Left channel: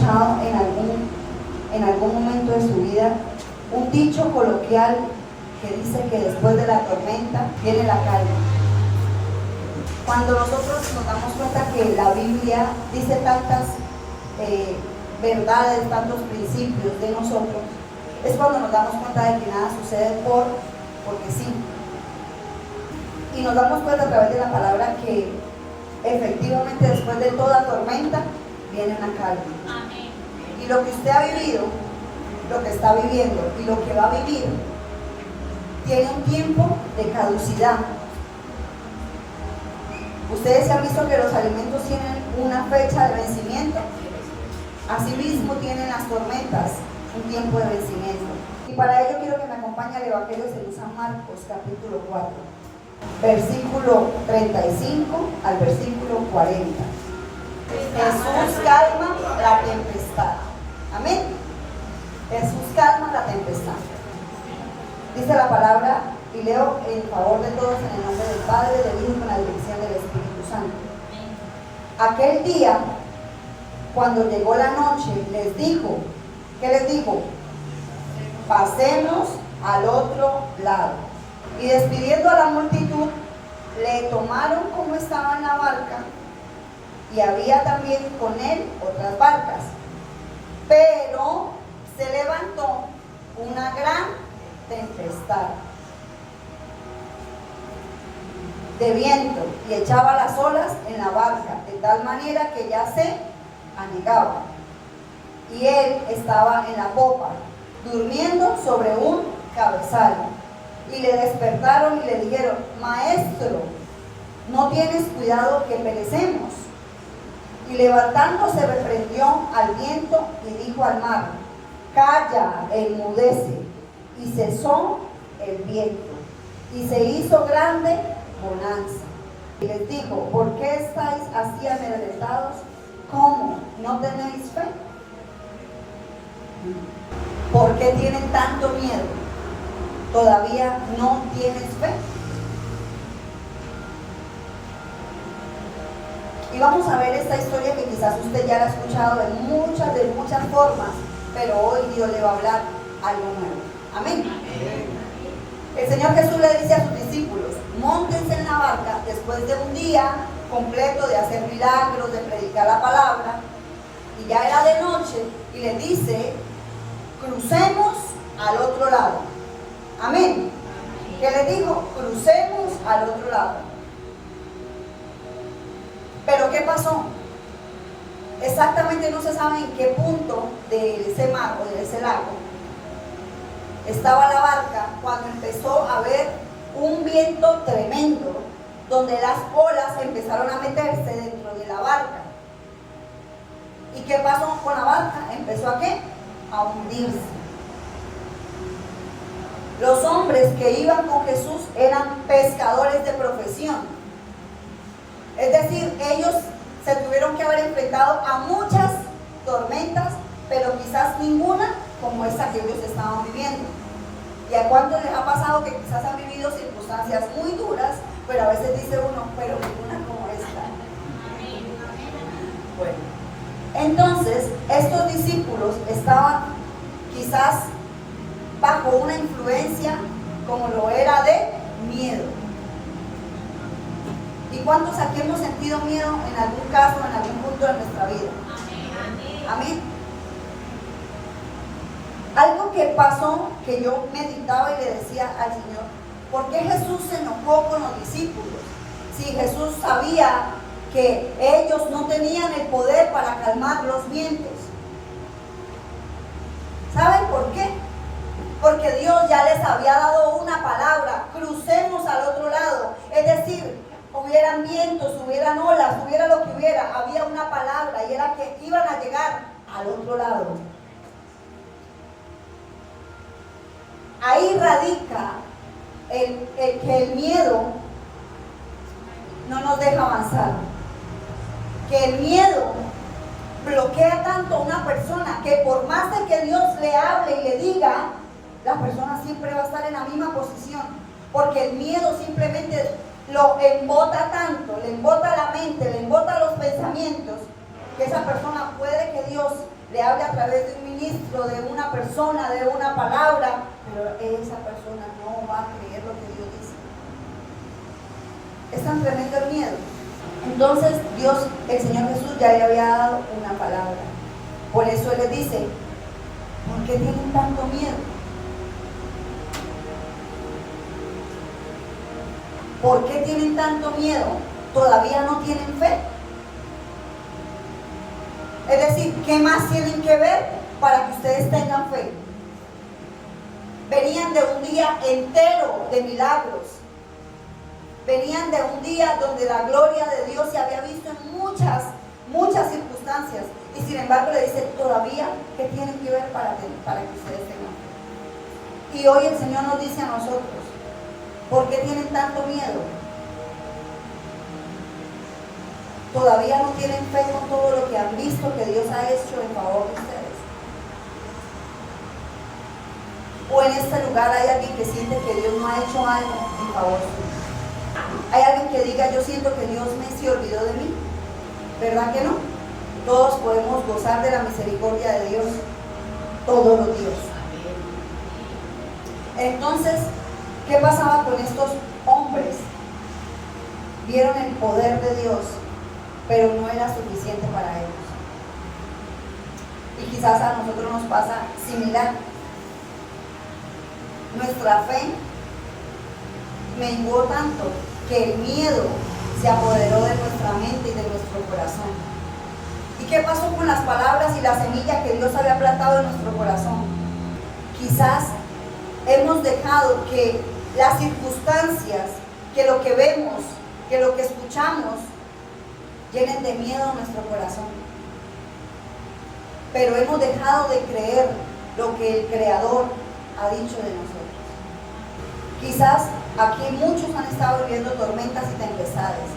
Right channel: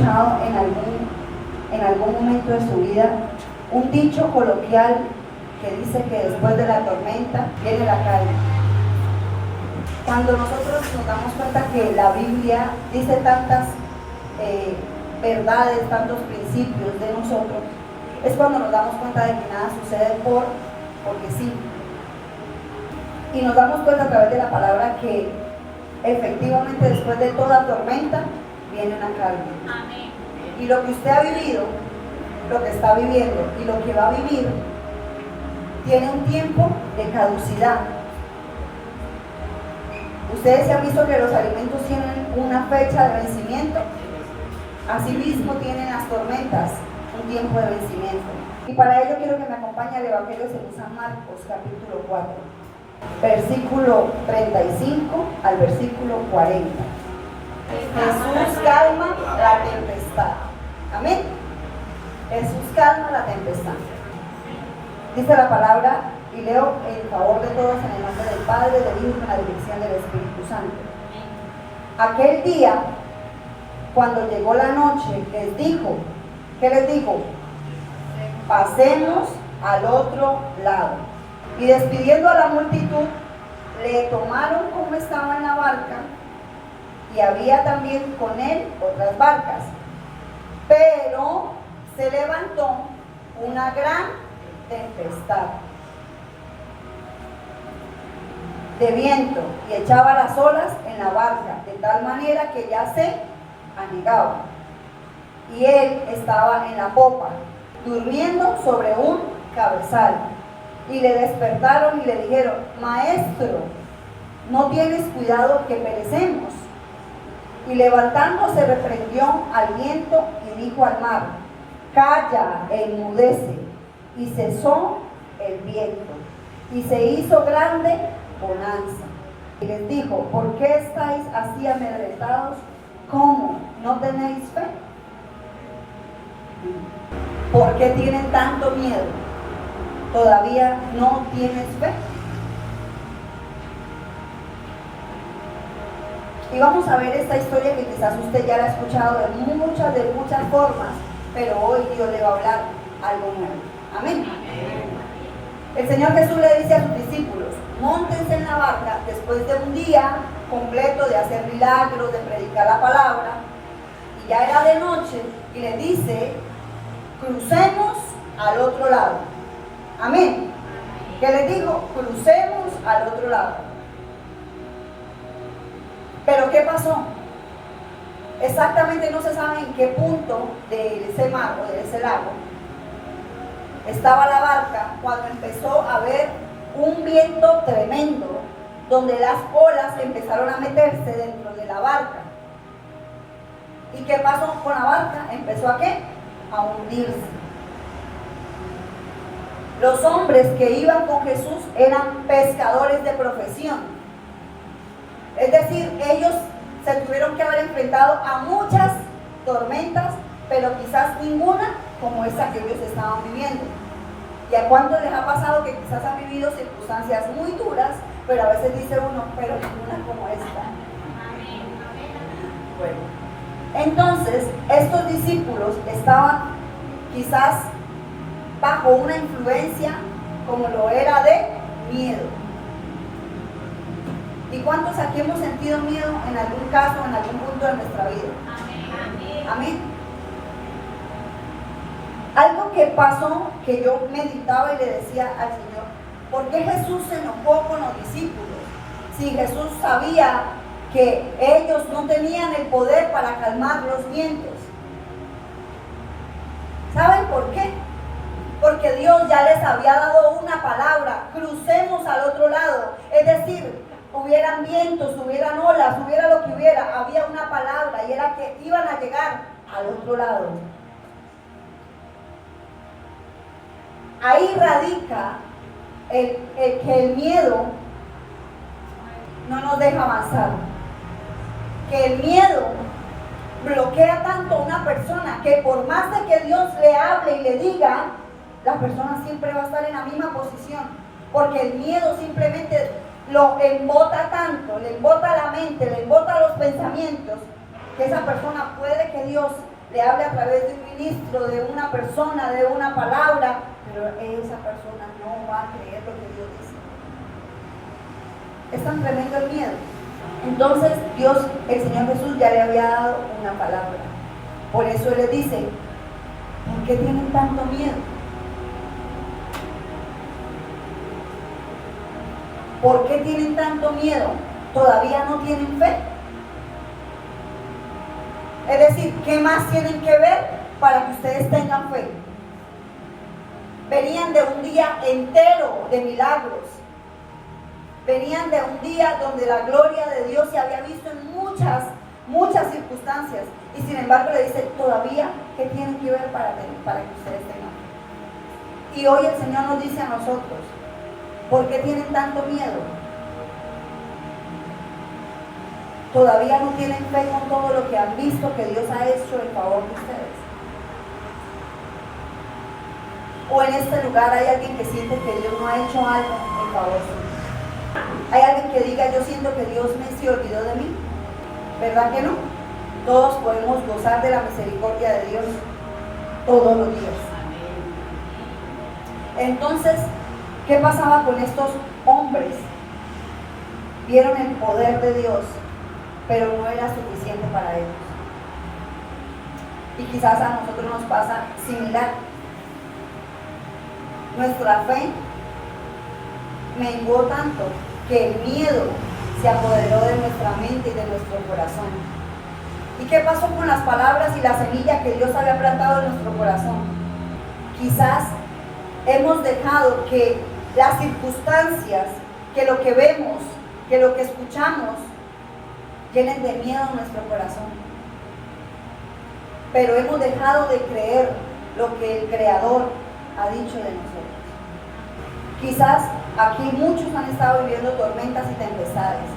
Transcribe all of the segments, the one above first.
escuchado en algún momento de su vida un dicho coloquial que dice que después de la tormenta viene la calma? Cuando nosotros nos damos cuenta que la Biblia dice tantas verdades, tantos principios de nosotros, es cuando nos damos cuenta de que nada sucede porque sí. Y nos damos cuenta a través de la palabra que efectivamente después de toda tormenta viene una calma. Amén. Y lo que usted ha vivido, lo que está viviendo y lo que va a vivir, tiene un tiempo de caducidad. Ustedes se han visto que los alimentos tienen una fecha de vencimiento. Asimismo tienen las tormentas un tiempo de vencimiento. Y para ello quiero que me acompañe al Evangelio según San Marcos, capítulo 4, versículo 35 al versículo 40. Jesús calma la tempestad. Amén. Jesús calma la tempestad. Dice la palabra, y leo en favor de todos en el nombre del Padre, del Hijo y de la dirección del Espíritu Santo. Aquel día, cuando llegó la noche, les dijo, ¿qué les dijo? Pasemos al otro lado. Y despidiendo a la multitud, le tomaron como estaba en la barca, y había también con él otras barcas. Pero se levantó una gran tempestad de viento y echaba las olas en la barca, de tal manera que ya se anegaba. Y él estaba en la popa, durmiendo sobre un cabezal. Y le despertaron y le dijeron, Maestro, ¿no tienes cuidado que perecemos? Y levantándose reprendió al viento y dijo al mar, calla, enmudece. Y cesó el viento, y se hizo grande bonanza. Y les dijo, ¿por qué estáis así amedrentados? ¿Cómo? ¿No tenéis fe? ¿Por qué tienen tanto miedo? ¿Todavía no tienes fe? Y vamos a ver esta historia que quizás usted ya la ha escuchado de muchas formas, pero hoy Dios le va a hablar algo nuevo. Amén. El Señor Jesús le dice a sus discípulos, móntense en la barca después de un día completo de hacer milagros, de predicar la palabra, y ya era de noche, y le dice, crucemos al otro lado. Amén. ¿Qué les dijo? Crucemos al otro lado. Pero ¿qué pasó? Exactamente no se sabe en qué punto de ese mar o de ese lago estaba la barca cuando empezó a haber un viento tremendo, donde las olas empezaron a meterse dentro de la barca. ¿Y qué pasó con la barca? ¿Empezó a qué? A hundirse. Los hombres que iban con Jesús eran pescadores de profesión. Es decir, ellos se tuvieron que haber enfrentado a muchas tormentas, pero quizás ninguna como esa que ellos estaban viviendo. ¿Y a cuántos les ha pasado que quizás han vivido circunstancias muy duras, pero a veces dice uno, pero ninguna como esta? Bueno, entonces estos discípulos estaban quizás bajo una influencia como lo era de miedo. ¿Y cuántos aquí hemos sentido miedo en algún caso, en algún punto de nuestra vida? Amén. Algo que pasó, que yo meditaba y le decía al Señor, ¿por qué Jesús se enojó con los discípulos? Si Jesús sabía que ellos no tenían el poder para calmar los vientos. ¿Saben por qué? Porque Dios ya les había dado una palabra, crucemos al otro lado. Es decir, hubieran vientos, hubieran olas, hubiera lo que hubiera, había una palabra y era que iban a llegar al otro lado. Ahí radica que el miedo no nos deja avanzar, que el miedo bloquea tanto a una persona que por más de que Dios le hable y le diga, la persona siempre va a estar en la misma posición, porque el miedo simplemente lo embota tanto, le embota la mente, le embota los pensamientos, que esa persona puede que Dios le te hable a través de un ministro, de una persona, de una palabra, pero esa persona no va a creer lo que Dios dice. Es tan tremendo el miedo. Entonces Dios, el Señor Jesús ya le había dado una palabra. Por eso Él les dice, ¿por qué tienen tanto miedo? ¿Por qué tienen tanto miedo? ¿Todavía no tienen fe? Es decir, ¿qué más tienen que ver para que ustedes tengan fe? Venían de un día entero de milagros. Venían de un día donde la gloria de Dios se había visto en muchas circunstancias. Y sin embargo le dice, todavía, ¿qué tienen que ver para que ustedes tengan fe? Y hoy el Señor nos dice a nosotros, ¿por qué tienen tanto miedo? Todavía no tienen fe con todo lo que han visto que Dios ha hecho en favor de ustedes. O en este lugar hay alguien que siente que Dios no ha hecho algo en favor suyo. Hay alguien que diga, yo siento que Dios se olvidó de mí. ¿Verdad que no? Todos podemos gozar de la misericordia de Dios todos los días. Entonces, ¿qué pasaba con estos hombres? Vieron el poder de Dios, pero no era suficiente para ellos. Y quizás a nosotros nos pasa similar. Nuestra fe menguó tanto que el miedo se apoderó de nuestra mente y de nuestro corazón. ¿Y qué pasó con las palabras y la semilla que Dios había plantado en nuestro corazón? Quizás hemos dejado que las circunstancias, que lo que vemos, que lo que escuchamos, llenen de miedo nuestro corazón. Pero hemos dejado de creer lo que el Creador ha dicho de nosotros. Quizás aquí muchos han estado viviendo tormentas y tempestades.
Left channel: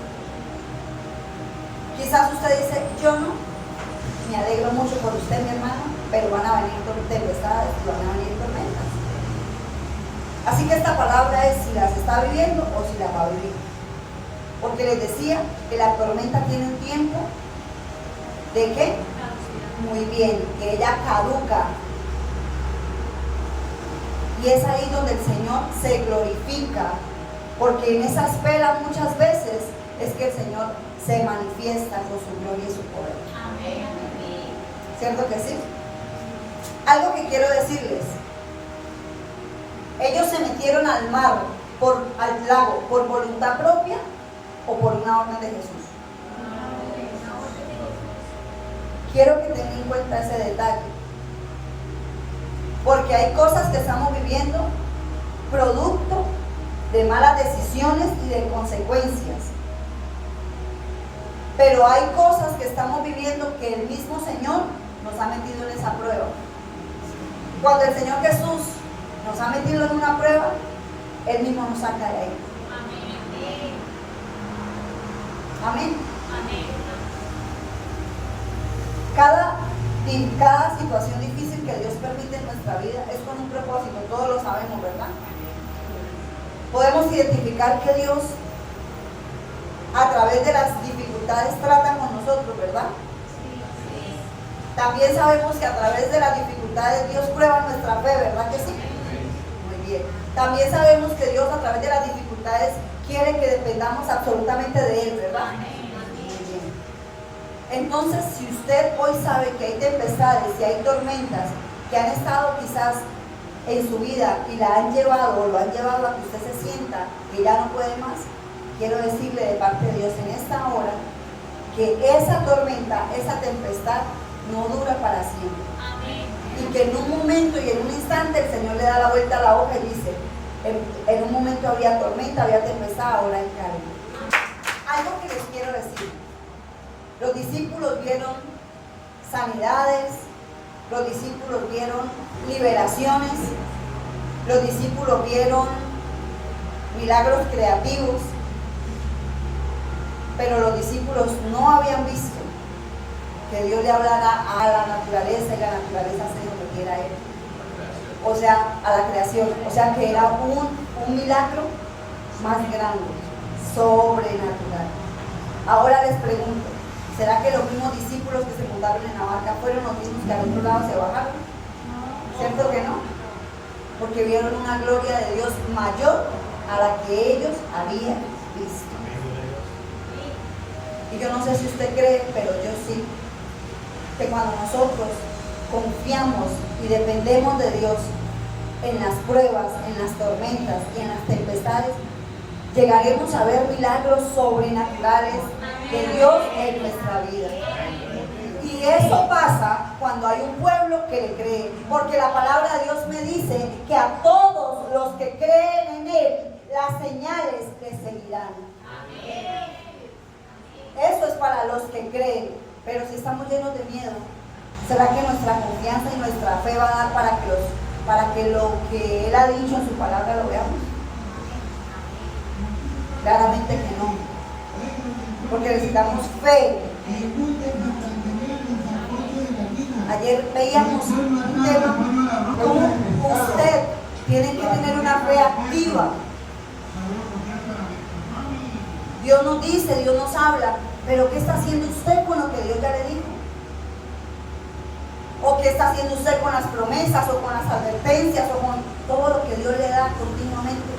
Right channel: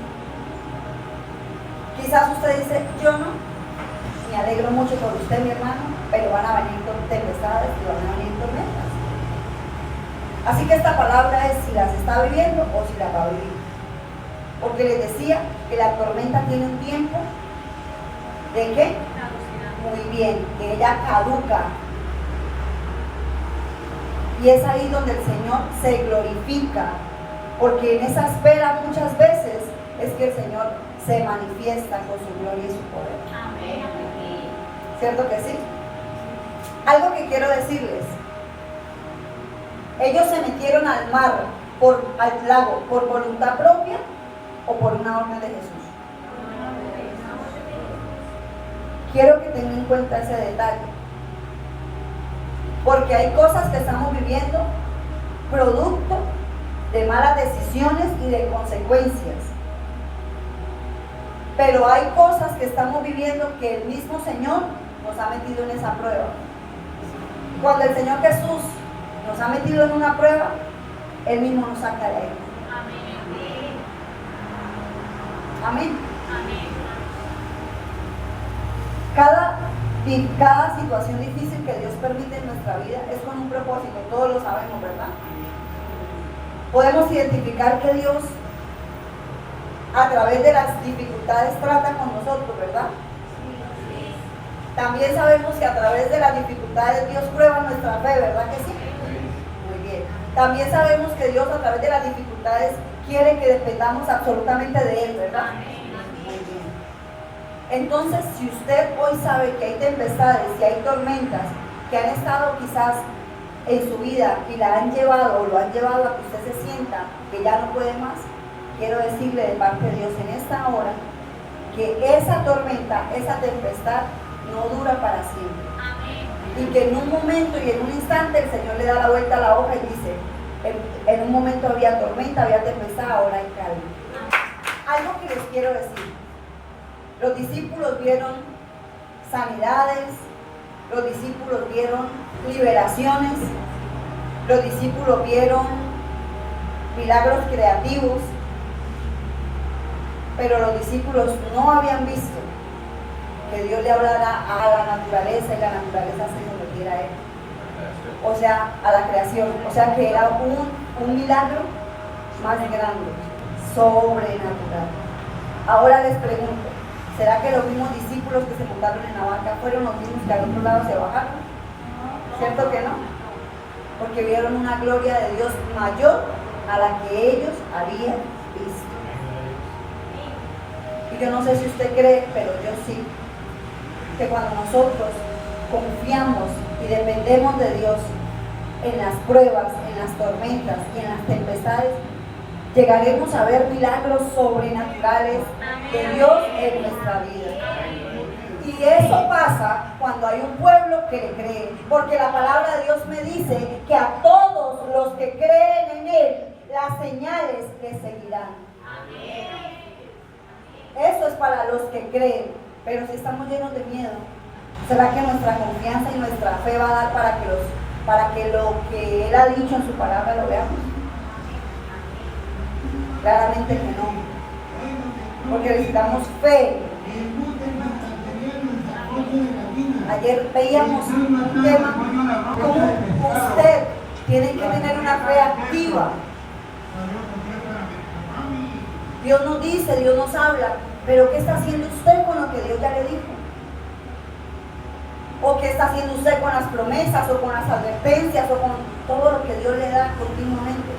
Quizás usted dice, yo no, me alegro mucho por usted, mi hermano, pero van a venir tempestades y van a venir tormentas. Así que esta palabra es si las está viviendo o si las va a vivir. Porque les decía que la tormenta tiene un tiempo ¿de qué? Muy bien, que ella caduca. Y es ahí donde el Señor se glorifica, porque en esa espera muchas veces es que el Señor se manifiesta con su gloria y su poder. Amén. ¿Cierto que sí? Algo que quiero decirles. Ellos se metieron al mar, al lago, por voluntad propia o por una orden de Jesús. Quiero que tengan en cuenta ese detalle. Porque hay cosas que estamos viviendo producto de malas decisiones y de consecuencias. Pero hay cosas que estamos viviendo que el mismo Señor nos ha metido en esa prueba. Cuando el Señor Jesús nos ha metido en una prueba, Él mismo nos saca de ahí. Amén. Amén. Cada situación difícil que Dios permite en nuestra vida es con un propósito, todos lo sabemos, ¿verdad? Podemos identificar que Dios a través de las dificultades trata con nosotros, ¿verdad? También sabemos que a través de las dificultades Dios prueba nuestra fe, ¿verdad que sí? Muy bien. También sabemos que Dios a través de las dificultades quiere que dependamos absolutamente de Él, ¿verdad? Entonces, si usted hoy sabe que hay tempestades y hay tormentas que han estado quizás en su vida y la han llevado o lo han llevado a que usted se sienta que ya no puede más, quiero decirle de parte de Dios en esta hora que esa tormenta, esa tempestad no dura para siempre. Amén. Y que en un momento y en un instante el Señor le da la vuelta a la hoja y dice, en un momento había tormenta, había tempestad, ahora hay calma. Algo que les quiero decir. Los discípulos vieron sanidades, los discípulos vieron liberaciones, los discípulos vieron milagros creativos, pero los discípulos no habían visto que Dios le hablara a la naturaleza y la naturaleza se sometiera a Él. O sea, a la creación. O sea, que era un milagro más grande, sobrenatural. Ahora les pregunto, ¿Será que los mismos discípulos que se montaron en la barca fueron los mismos que al otro lado se bajaron? ¿Cierto que no? Porque vieron una gloria de Dios mayor a la que ellos habían visto. Y yo no sé si usted cree, pero yo sí, que cuando nosotros confiamos y dependemos de Dios en las pruebas, en las tormentas y en las tempestades, llegaremos a ver milagros sobrenaturales de Dios en nuestra vida. Y eso pasa cuando hay un pueblo que le cree, porque la palabra de Dios me dice que a todos los que creen en Él, las señales les seguirán. Eso es para los que creen, pero si estamos llenos de miedo, ¿será que nuestra confianza y nuestra fe va a dar para que lo que Él ha dicho en su palabra lo veamos? Claramente que no, porque necesitamos fe. Ayer veíamos un tema como usted tiene que tener una fe activa. Dios nos dice, Dios nos habla, pero ¿qué está haciendo usted con lo que Dios ya le dijo? ¿O qué está haciendo usted con las promesas o con las advertencias o con todo lo que Dios le da continuamente?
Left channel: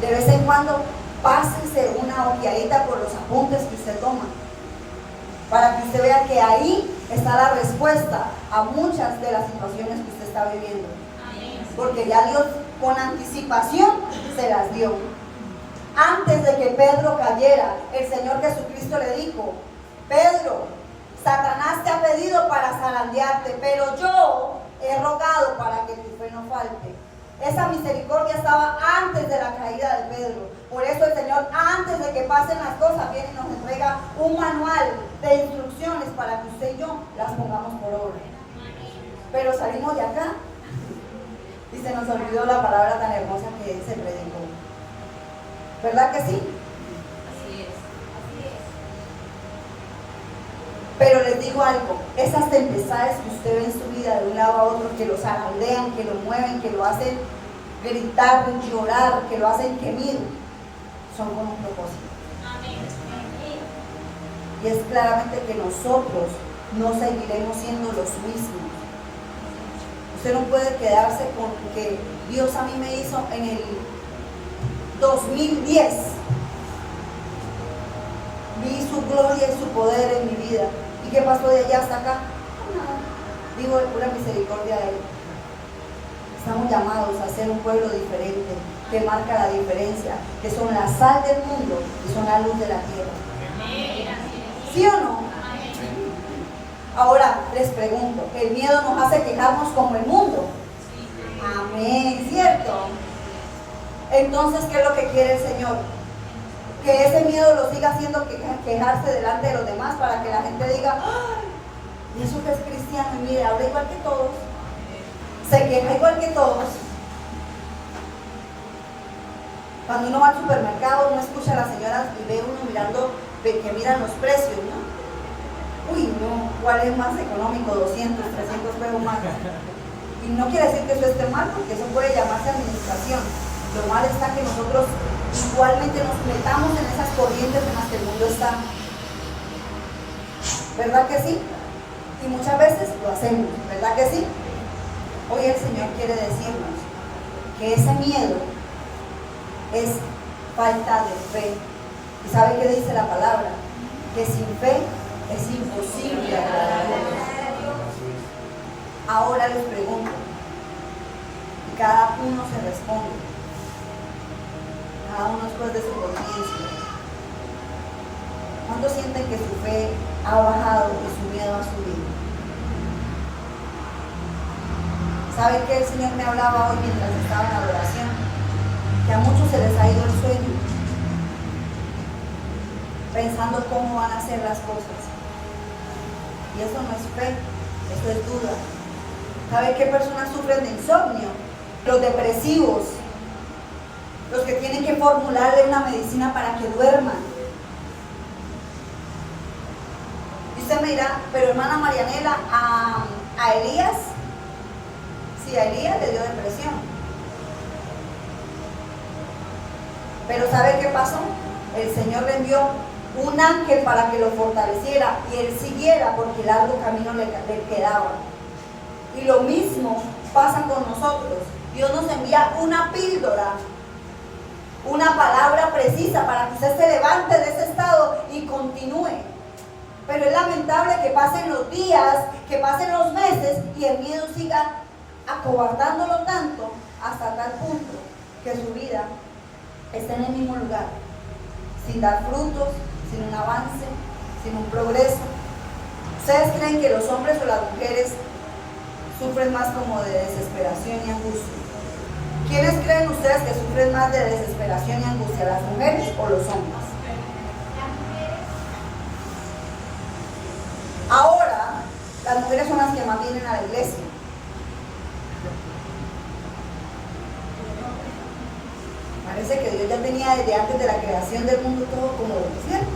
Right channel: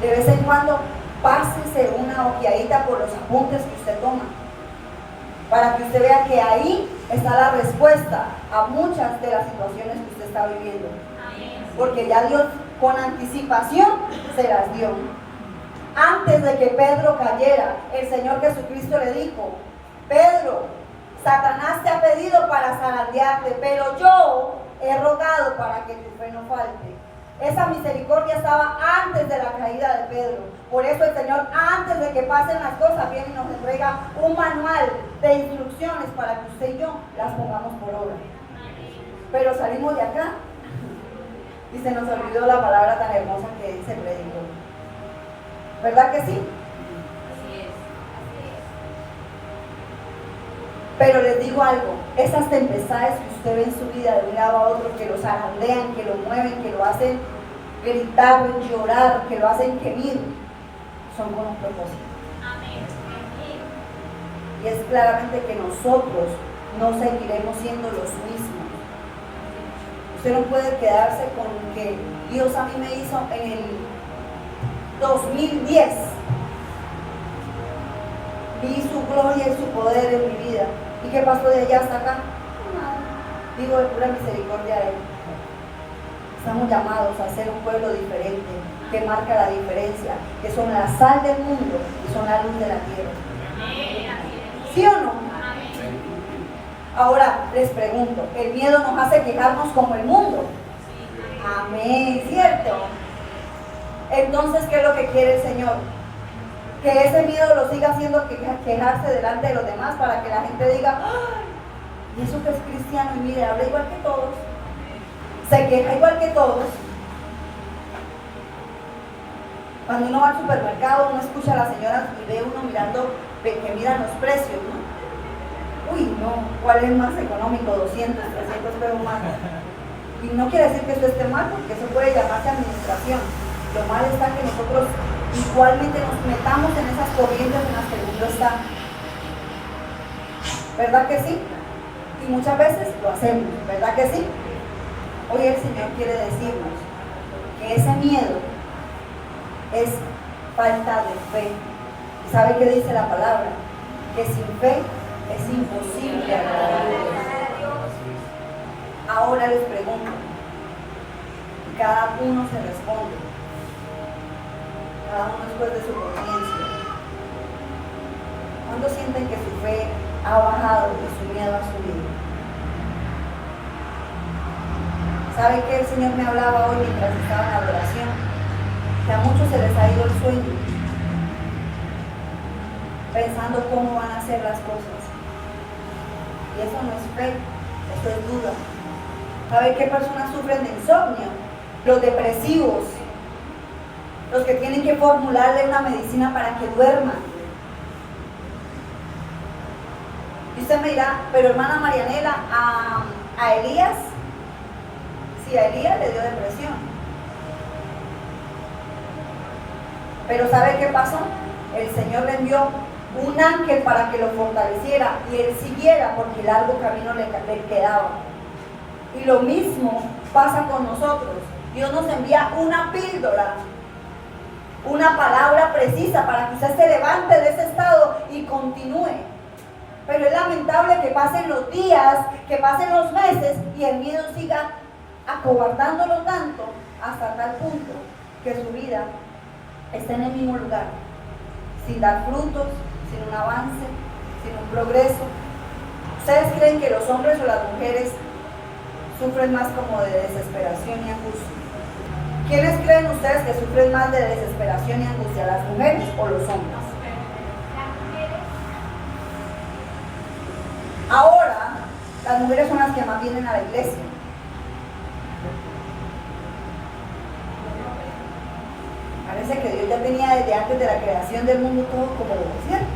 De vez en cuando pásese una ojeadita por los apuntes que usted toma, para que usted vea que ahí está la respuesta a muchas de las situaciones que usted está viviendo. Porque ya Dios con anticipación se las dio. Antes de que Pedro cayera, el Señor Jesucristo le dijo: Pedro, Satanás te ha pedido para zarandearte, pero yo he rogado para que tu fe no falte. Esa misericordia estaba antes de la caída de Pedro. Por eso el Señor, antes de que pasen las cosas, viene y nos entrega un manual de instrucciones para que usted y yo las pongamos por obra. Pero salimos de acá y se nos olvidó la palabra tan hermosa que se predicó. ¿Verdad que sí? Así es. Pero les digo algo, esas tempestades que usted ve en su vida de un lado a otro, que lo zarandean, que lo mueven, que lo hacen gritar, llorar, que lo hacen gemir, son con un propósito. Y es claramente que nosotros no seguiremos siendo los mismos. Usted no puede quedarse con que Dios a mí me hizo en el 2010. Vi su gloria y su poder en mi vida. ¿Y qué pasó de allá hasta acá? Nada. Digo, de pura misericordia de Él. Estamos llamados a ser un pueblo diferente, que marca la diferencia, que son la sal del mundo y son la luz de la tierra. ¿Sí o no? Ahora les pregunto, ¿el miedo nos hace quejarnos como el mundo? Amén, ¿cierto? Entonces, ¿qué es lo que quiere el Señor? Que ese miedo lo siga haciendo quejarse delante de los demás, para que la gente diga: ¡ay! Eso que es cristiano, y mire, habla igual que todos, se queja igual que todos. Cuando uno va al supermercado, uno escucha a las señoras y ve uno mirando, que miran los precios, ¿no? Uy, no, ¿cuál es más económico? 200, 300 pesos más. Y no quiere decir que eso esté mal, porque eso puede llamarse administración. Lo mal está que nosotros igualmente nos metamos en esas corrientes en las que el mundo está. ¿Verdad que sí? Y muchas veces lo hacemos, ¿verdad que sí? Hoy el Señor quiere decirnos que ese miedo es falta de fe. ¿Y sabe qué dice la palabra? Que sin fe es imposible agradar a Dios. Ahora les pregunto, y cada uno se responde, cada uno después de su conciencia: ¿cuándo sienten que su fe ha bajado y su miedo ha subido? ¿Saben que el Señor me hablaba hoy mientras estaba en la oración? Que a muchos se les ha ido el sueño, pensando cómo van a ser las cosas. Y eso no es fe, esto es duda. ¿Saben qué personas sufren de insomnio? Los depresivos, los que tienen que formularle una medicina para que duerman. Y usted me dirá: pero hermana Marianela, a Elías, sí, a Elías le dio depresión. Pero ¿sabe qué pasó? El Señor le envió un ángel para que lo fortaleciera y él siguiera porque largo camino le quedaba. Y lo mismo pasa con nosotros. Dios nos envía una píldora, una palabra precisa para que usted se levante de ese estado y continúe. Pero es lamentable que pasen los días, que pasen los meses y el miedo siga acobardándolo tanto hasta tal punto que su vida esté en el mismo lugar, sin dar frutos, sin un avance, sin un progreso. ¿Ustedes creen que los hombres o las mujeres sufren más como de desesperación y angustia? ¿Quiénes creen ustedes que sufren más de desesperación y angustia, las mujeres o los hombres? Ahora, las mujeres son las que más vienen a la iglesia. Parece que Dios ya tenía desde antes de la creación del mundo todo como lo cierto.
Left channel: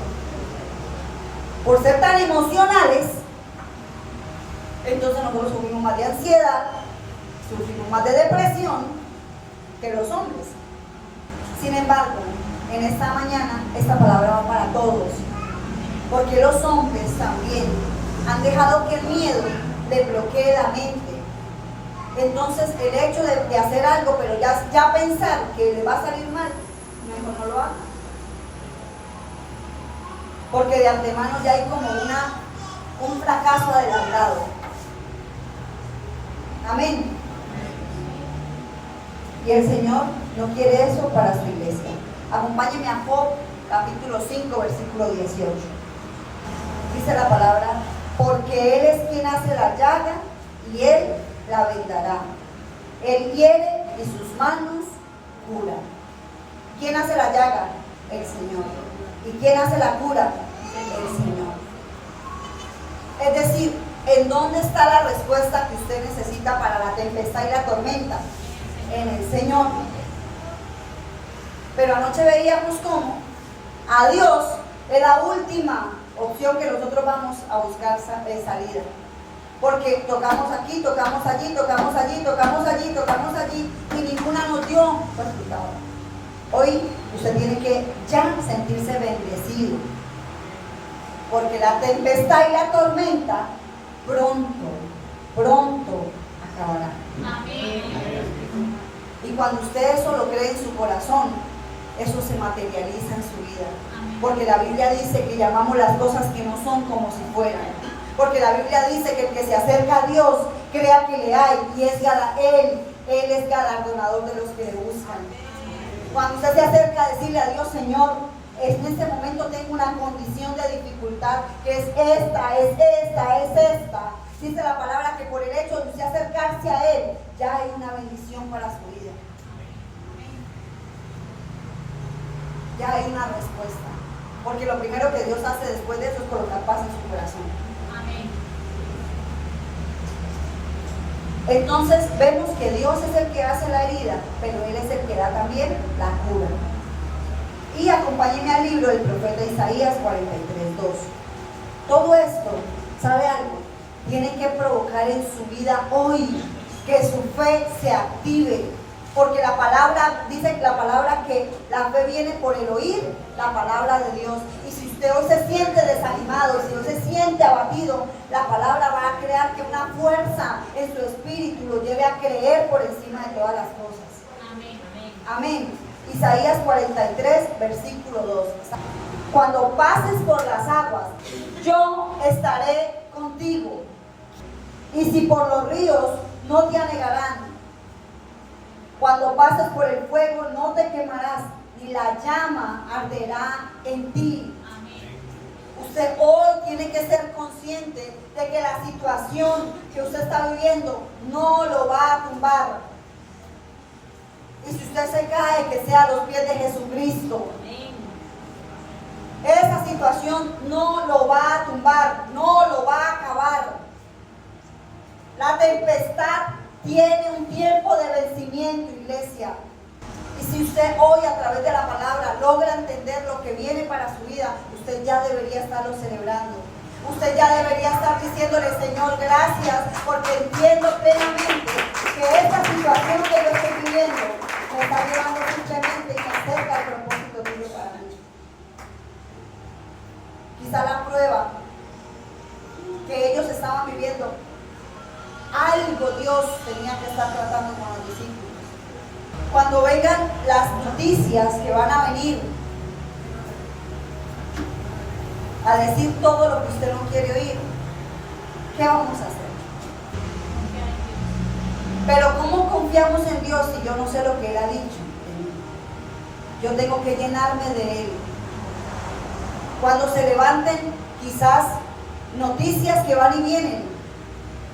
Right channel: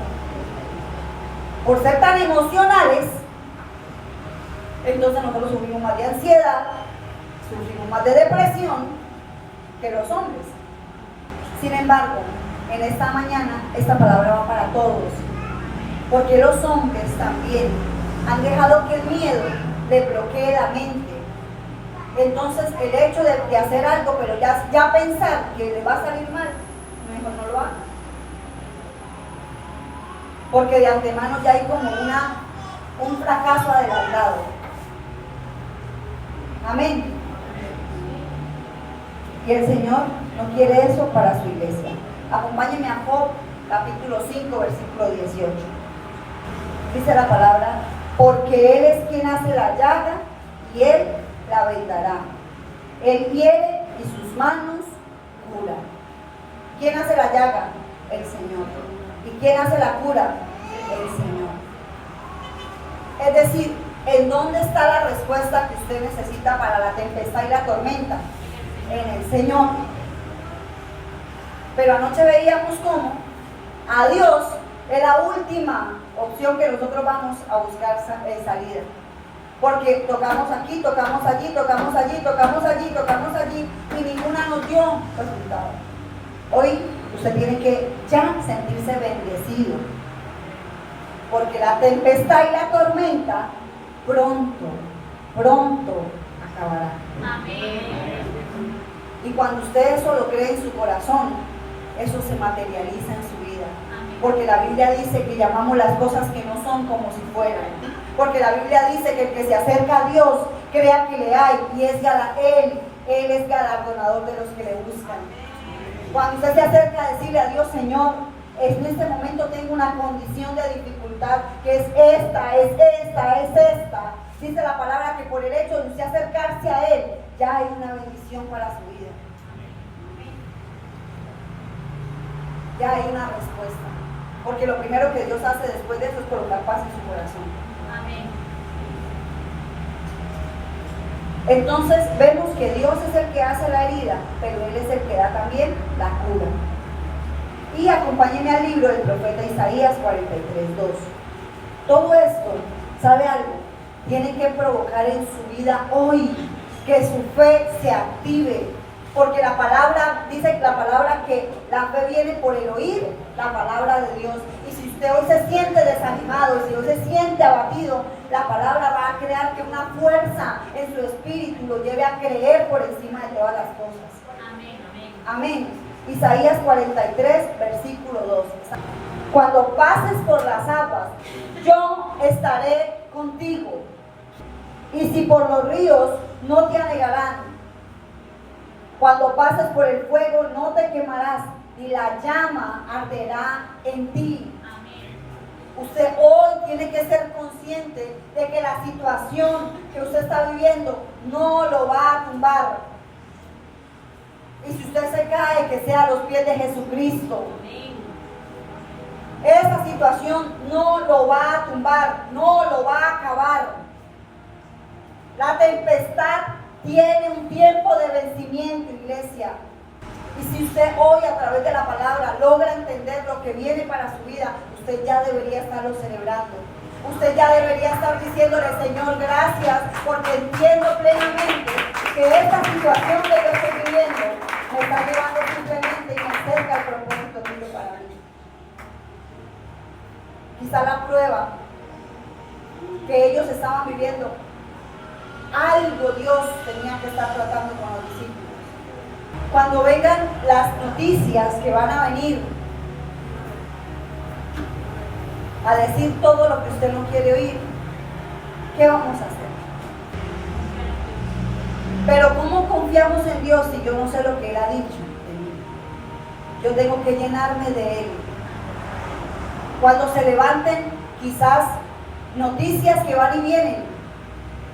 Por ser tan emocionales, entonces nosotros sufrimos más de ansiedad, sufrimos más de depresión que los hombres. Sin embargo, en esta mañana, esta palabra va para todos, porque los hombres también han dejado que el miedo le bloquee la mente. Entonces el hecho de hacer algo, pero ya pensar que le va a salir mal, mejor no lo haga. Porque de antemano ya hay como un fracaso adelantado. Amén. Y el Señor no quiere eso para su iglesia. Acompáñenme a Job, capítulo 5, versículo 18. Dice la palabra: porque Él es quien hace la llaga y Él la vendará. Él hiere y sus manos curan. ¿Quién hace la llaga? El Señor. ¿Y quién hace la cura? El Señor. Es decir, ¿en dónde está la respuesta que usted necesita para la tempestad y la tormenta? En el Señor. Pero anoche veíamos cómo a Dios es la última opción que nosotros vamos a buscar salida. Porque tocamos aquí, tocamos allí, tocamos allí, tocamos allí, tocamos allí y ninguna nos dio resultado. Hoy usted tiene que ya sentirse bendecido, porque la tempestad y la tormenta pronto acabará. Amén. Y cuando usted eso lo cree en su corazón, eso se materializa en su vida. Porque la Biblia dice que llamamos las cosas que no son como si fueran. Porque la Biblia dice que el que se acerca a Dios crea que le hay y Él es galardonador de los que le buscan. Cuando usted se acerca a decirle a Dios: Señor, en este momento tengo una condición de dificultad que es esta. Dice la palabra que por el hecho de usted acercarse a Él, ya hay una bendición para su vida. Ya hay una respuesta. Porque lo primero que Dios hace después de eso es colocar paz en su corazón. Amén. Entonces vemos que Dios es el que hace la herida, pero Él es el que da también la cura. Y acompáñenme al libro del profeta Isaías 43:2. Todo esto, ¿sabe algo? Tiene que provocar en su vida hoy que su fe se active. Porque la palabra, dice la palabra que la fe viene por el oír la palabra de Dios. Y si usted hoy se siente desanimado, si hoy se siente abatido, la palabra va a crear que una fuerza en su espíritu lo lleve a creer por encima de todas las cosas. Amén. Amén. Isaías 43, versículo 2. Cuando pases por las aguas, yo estaré contigo. Y si por los ríos, no te anegarán. Cuando pases por el fuego, no te quemarás, ni la llama arderá en ti. Amén. Usted hoy tiene que ser consciente de que la situación que usted está viviendo no lo va a tumbar. Y si usted se cae, que sea a los pies de Jesucristo. Amén. Esa situación no lo va a tumbar, no lo va a acabar. La tempestad tiene un tiempo de vencimiento, iglesia. Y si usted hoy a través de la palabra logra entender lo que viene para su vida, usted ya debería estarlo celebrando. Usted ya debería estar diciéndole: Señor, gracias, porque entiendo plenamente que esta situación que yo estoy viviendo me está llevando simplemente y me acerca al propósito tuyo para mí. prueba que ellos estaban viviendo, algo Dios tenía que estar tratando con los discípulos. Cuando vengan las noticias que van a venir a decir todo lo que usted no quiere oír, ¿qué vamos a hacer? Pero ¿cómo confiamos en Dios si yo no sé lo que Él ha dicho? Yo tengo que llenarme de Él. Cuando se levanten quizás noticias que van y vienen,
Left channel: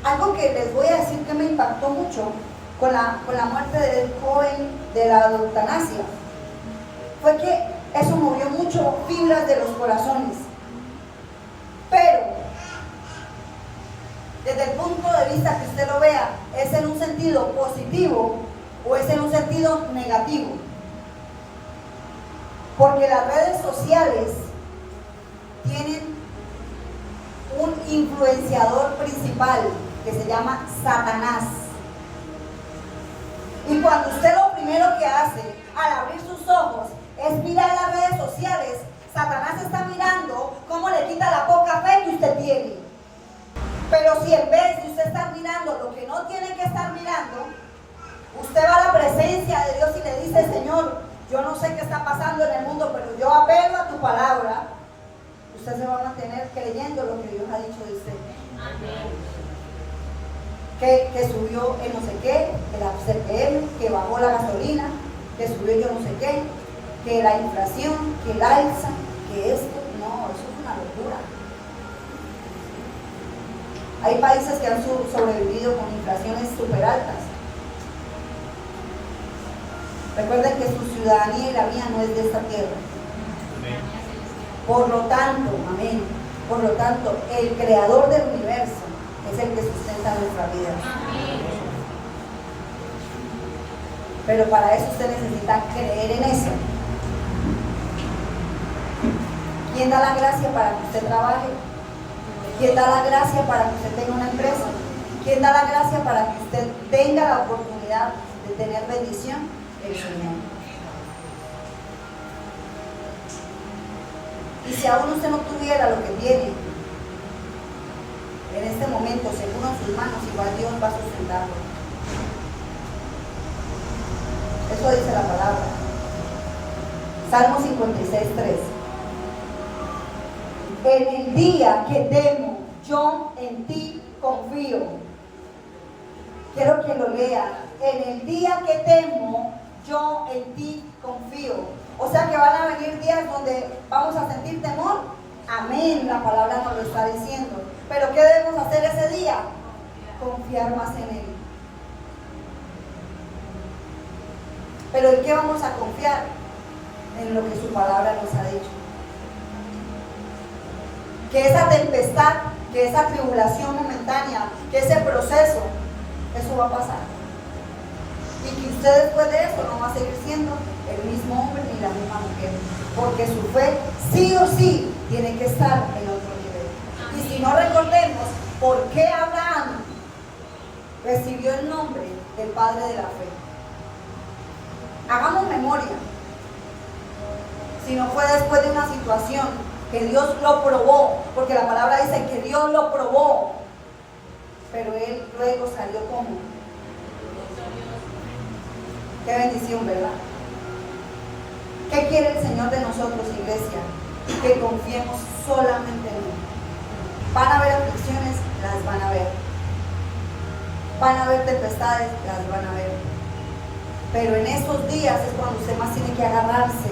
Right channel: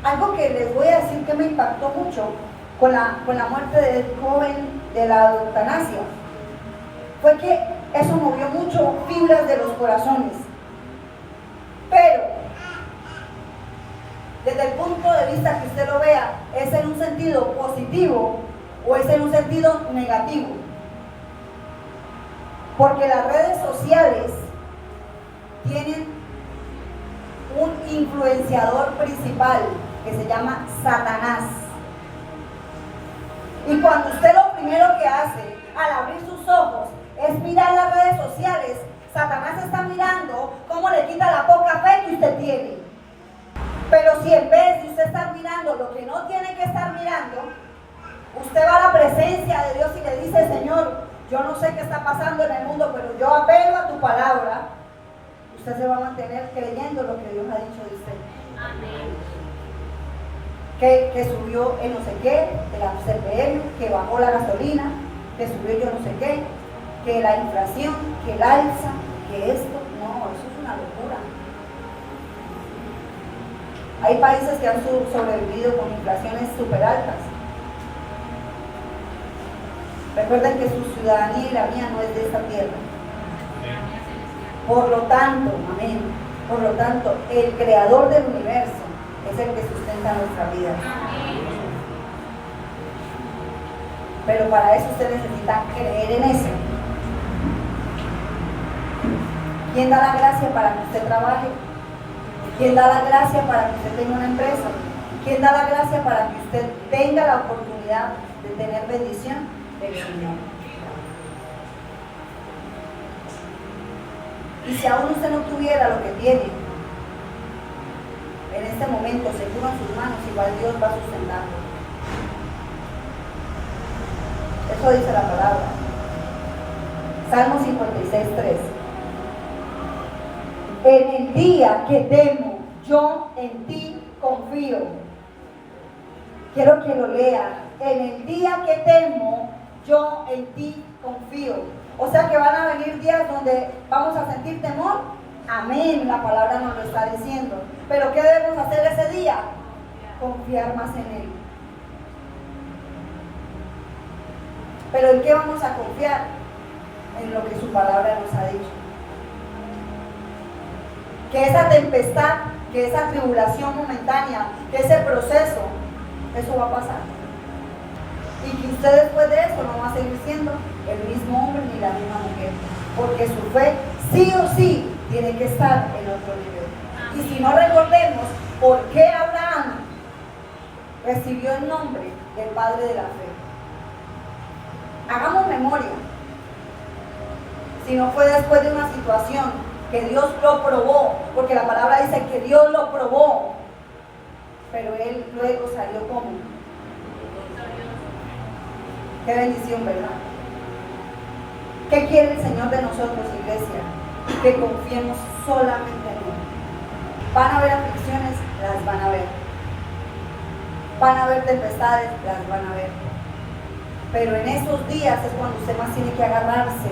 algo que les voy a decir que me impactó mucho con la muerte del joven de la eutanasia, fue que eso movió mucho fibras de los corazones. Pero desde el punto de vista que usted lo vea, ¿es en un sentido positivo o es en un sentido negativo? Porque las redes sociales tienen un influenciador principal que se llama Satanás. Y cuando usted lo primero que hace al abrir sus ojos es mirar las redes sociales, Satanás está mirando cómo le quita la poca fe que usted tiene. Pero si en vez de usted estar mirando lo que no tiene que estar mirando, usted va a la presencia de Dios y le dice: Señor, yo no sé qué está pasando en el mundo, pero yo apelo a tu palabra. Usted se va a mantener creyendo lo que Dios ha dicho de usted. Amén. Que subió el no sé qué, de la CPM, que bajó la gasolina, que subió yo no sé qué, que la inflación, que el alza, que esto. No, eso es una locura. Hay países que han sobrevivido con inflaciones súper altas. Recuerden que su ciudadanía y la mía no es de esta tierra. Por lo tanto, amén, por lo tanto, el creador del universo es el que sustenta nuestra vida. Pero para eso usted necesita creer en eso. ¿Quién da la gracia para que usted trabaje? ¿Quién da la gracia para que usted tenga una empresa? ¿Quién da la gracia para que usted tenga la oportunidad de tener bendición? El Señor. Y si aún usted no tuviera lo que tiene en este momento seguro en sus manos, igual Dios va a sustentarlo. Eso dice la palabra. Salmo 56:3. En el día que temo, yo en ti confío. Quiero que lo lea. En el día que temo, yo en ti confío. O sea que van a venir días donde vamos a sentir temor. Amén, la palabra nos lo está diciendo. Pero ¿qué debemos hacer ese día? Confiar más en Él. ¿Pero en qué vamos a confiar? En lo que su palabra nos ha dicho. Que esa tempestad, que esa tribulación momentánea, que ese proceso, eso va a pasar. Y que usted después de eso no va a seguir siendo el mismo hombre ni la misma mujer. Porque su fe sí o sí tiene que estar en otro nivel. Y si no, recordemos por qué Abraham recibió el nombre del padre de la fe. Hagamos memoria. Si no fue después de una situación que Dios lo probó, porque la palabra dice que Dios lo probó, pero él luego salió como. Qué bendición, ¿verdad? ¿Qué quiere el Señor de nosotros, iglesia? Que confiemos solamente en Él. Van a haber aflicciones, las van a ver. Van a haber tempestades, las van a ver. Pero en esos días es cuando usted más tiene que agarrarse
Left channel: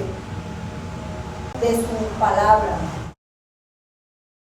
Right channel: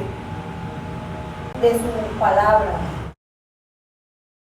de su palabra,